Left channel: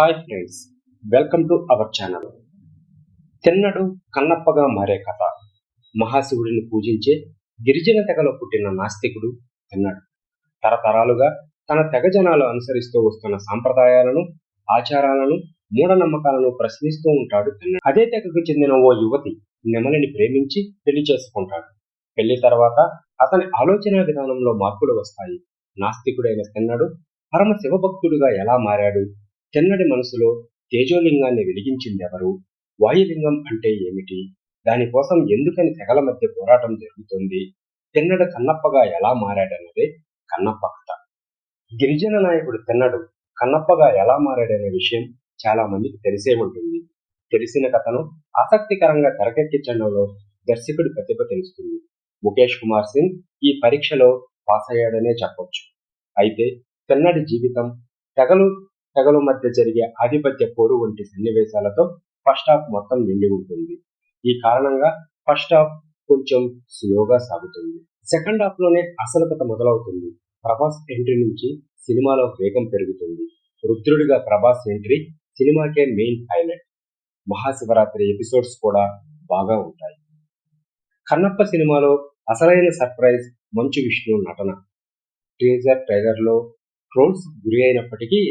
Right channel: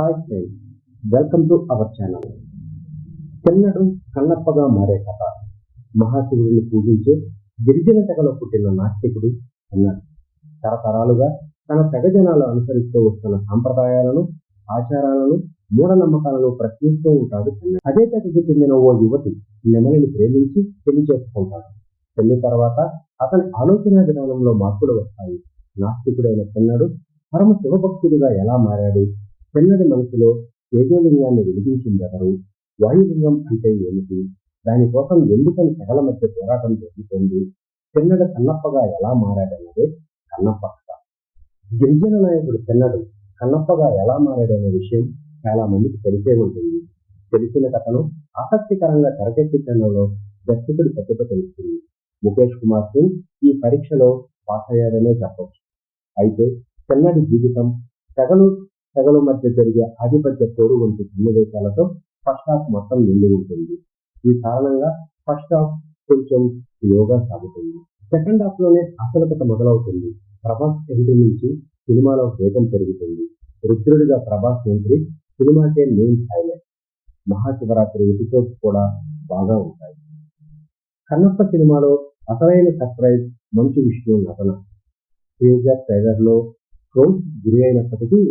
Hi friends, welcome to our channel. Thinnadu కన్నప్పగా మారే కథ. మహాశివుడిని పూజించే గిరిజన తెగలో పుట్టిన నాస్తికుడు తిన్నడు. తరతరాలుగా తన తెగ జనాలు అనుసరిస్తూ వస్తున్న సాంప్రదాయాలను, ఆచారాలను, మూఢనమ్మకాలను ప్రశ్నిస్తూ ఉంటాడు తిన్నడు. అదే తెగకు చెందిన ఓ యువతి నెమలిని ప్రేమించి పెళ్లి చేసుకుంటాడు. పెళ్లి తర్వాత అతని ఆలోచన విధానంలో మార్పులు వస్తాయి. నాస్తికుడైన తిన్నడు పరమ శివభక్తుడుగా ఎలా మారాడు? తిన్నడి మనసులో తేజోలింగాన్ని వెలిగించిందెవరు? వాయులింగం అంటే ఏమిటి? దానికోసం ఎందుకని తెగల మధ్య పోరాటం జరుగుతుంది? తిన్నడు కన్నప్పగా ఎలా మారాడన్నదే కన్నప్ప కథ. గిరిజన నాయకుడు తిన్నడు కన్నప్పగా ఎలా మారాడనే విషయం చాలా మందికి తెలిసే ఉంటుంది. తెలిసిన కథను ఆసక్తికరంగా తెరకెక్కించడంలో దర్శకుడి ప్రతిభ తెలుస్తుంది. ముఖేష్ కుమార్ సింగ్ ఈ పరీక్షలో పాస్ అయ్యాడనే చెప్పొచ్చు. అయితే తిన్నడి జీవితం తెగలు మధ్య జరిగే ఆధిపత్య పోరు వంటి సన్నివేశాలతో ఫస్ట్ హాఫ్ మొత్తం నిండి ఉంటుంది. ఈ కారణంగా ఫస్ట్ హాఫ్ కొంచెం స్లోగా సాగుతుంది. సెకండ్ హాఫ్ లోనే అసలు కథ మొదలవుతుంది. ప్రభాస్ ఎంట్రీ నుంచి సినిమాలో వేగం పెరుగుతుంది. రుద్రుడిగా ప్రభాస్ ఎంట్రీ సినిమాకే మెయిన్ హైలైట్. మహాశివరాత్రి ఎపిసోడ్స్ కూడా బాగా ఉంటాయి. కన్నప్ప సినిమాలో అసలైన సర్ప్రైజ్ మంచు విష్ణు నటన. టీజర్ ట్రైలర్లో ట్రోల్స్ గురి అయినప్పటికీ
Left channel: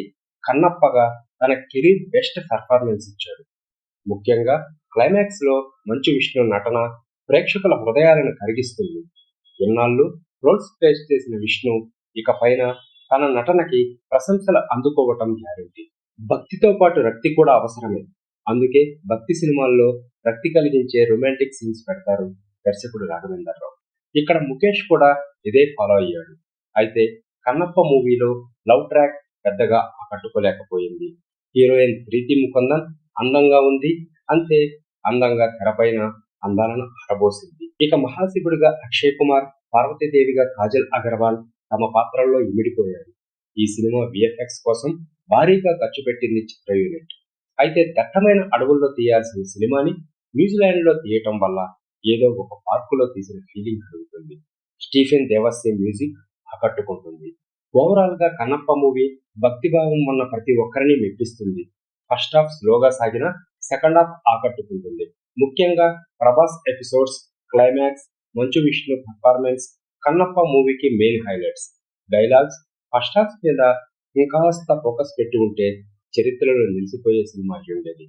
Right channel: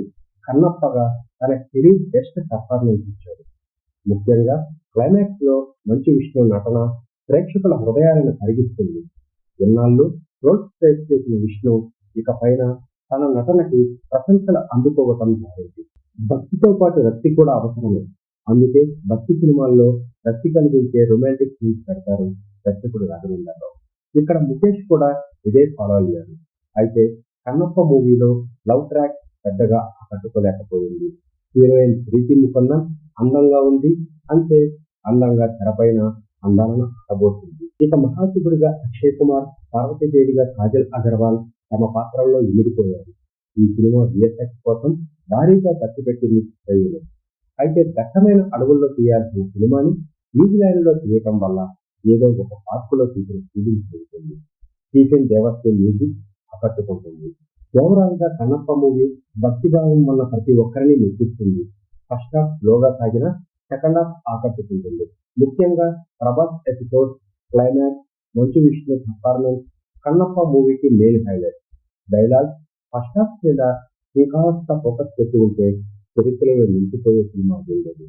కన్నప్పగా తన కెరీర్ బెస్ట్ పర్ఫార్మెన్స్ ఇచ్చాడు. ముఖ్యంగా క్లైమాక్స్ లో మంచు విష్ణు నటన ప్రేక్షకుల హృదయాలను కరిగిస్తుంది. ఎన్నాళ్ళు ట్రోల్స్ ఫేస్ చేసిన విష్ణు ఇక పైన తన నటనకి ప్రశంసలు అందుకోవటం గ్యారెంటీ. భక్తితో పాటు రక్తి కూడా అవసరమే. అందుకే భక్తి సినిమాల్లో రక్తి కలిగించే రొమాంటిక్ సీన్స్ పెడతారు దర్శకుడు రాఘవేంద్రరావు. ఇక్కడ ముఖేష్ కూడా ఇదే ఫాలో అయ్యాడు. అయితే కన్నప్ప మూవీలో లవ్ ట్రాక్ పెద్దగా ఆకట్టుకోలేకపోయింది. హీరోయిన్ ప్రీతి ముకుందన్ అందంగా ఉంది, అంతే అందంగా తెరపైన అందాలను ఆరబోసింది. ఇక మహాశివుడిగా అక్షయ్ కుమార్, పార్వతీదేవిగా కాజల్ అగర్వాల్ తమ పాత్రల్లో ఇమిడిపోయారు. ఈ సినిమా విఎఫ్ఎక్స్ కోసం భారీగా ఖర్చు పెట్టింది చిత్ర యూనిట్. అయితే దట్టమైన అడవుల్లో తీయాల్సిన సినిమాని న్యూజిలాండ్ లో తీయటం వల్ల ఏదో ఒక పార్కులో తీసిన ఫీలింగ్ కలుగుతుంది. స్టీఫెన్ దేవస్య మ్యూజిక్ ఆకట్టుకుంటుంది. ఓవరాల్ గా కన్నప్ప మూవీ భక్తిభావం ఉన్న ప్రతి ఒక్కరిని మెప్పిస్తుంది. ఫస్ట్ హాఫ్ స్లోగా సాగిన సెకండ్ హాఫ్ ఆకట్టుకుంటుంది. ముఖ్యంగా Prabhas episodes, climax, Manchu Vishnu performance Kannappa మూవీకి main highlights. Dialogues first half మీద ఇంకాస్త ఫోకస్ పెట్టి ఉంటే చరిత్రలో నిలిచిపోయే సినిమా ఉండేది.